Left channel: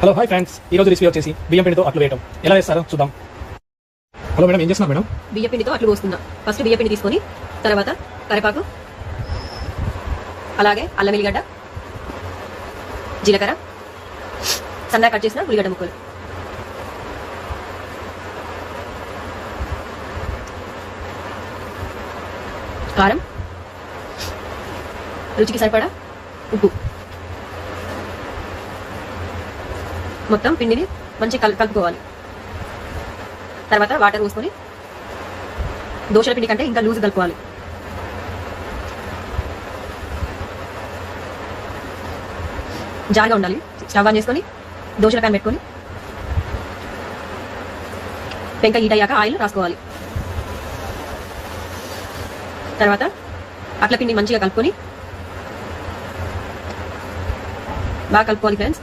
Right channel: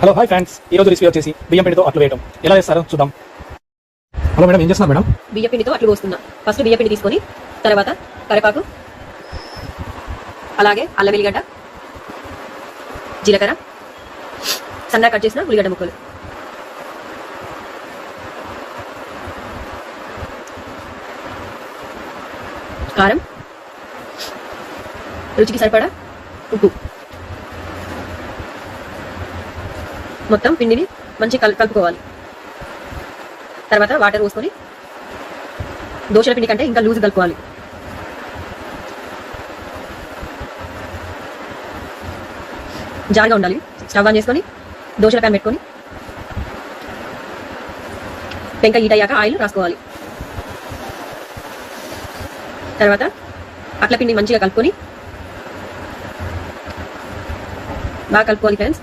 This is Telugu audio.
హలో హాయ్ ఫ్రెండ్స్, ఈ రోజు రెసిపీ వచ్చేసి బియ్యం పిండితో అట్లు వేయటం ఎలా చేస్తారో చూద్దాం. హలో మేడం, ఏం చేస్తున్నారు మేడం? బియ్యం పిండితో అట్లు పోస్తున్నా. ఫస్ట్ బియ్యం పిండి తీసుకొని తర్వాత కరివేపాకు, అలాగే అల్లం వెల్లిగడ్డ, జీలకర్ర, సన్నగా కట్ చేసిన ఉల్లిగడ్డ ముక్కలు, కారం, రుచికి సరిపడా ఉప్పు, మొత్తం పిండిని మంచిగా కలుపుకోవాలి. తర్వాత వాటర్ పోసుకొని దోశల పిండి కంటే ఇంకా లూజ్ కలుపుకోవాలి. జారుగా ఉండాలి. స్టవ్ ఆన్ చేసుకొని దోశల ప్యాన్ పెట్టుకొని పెంక హీట్ అయ్యాక ఆయిల్ రాసుకోవాలి. తర్వాత అట్ల పిండి మంచిగా కలుపుకొని బాగా కలుపుకోవాలి ఫ్రెండ్స్.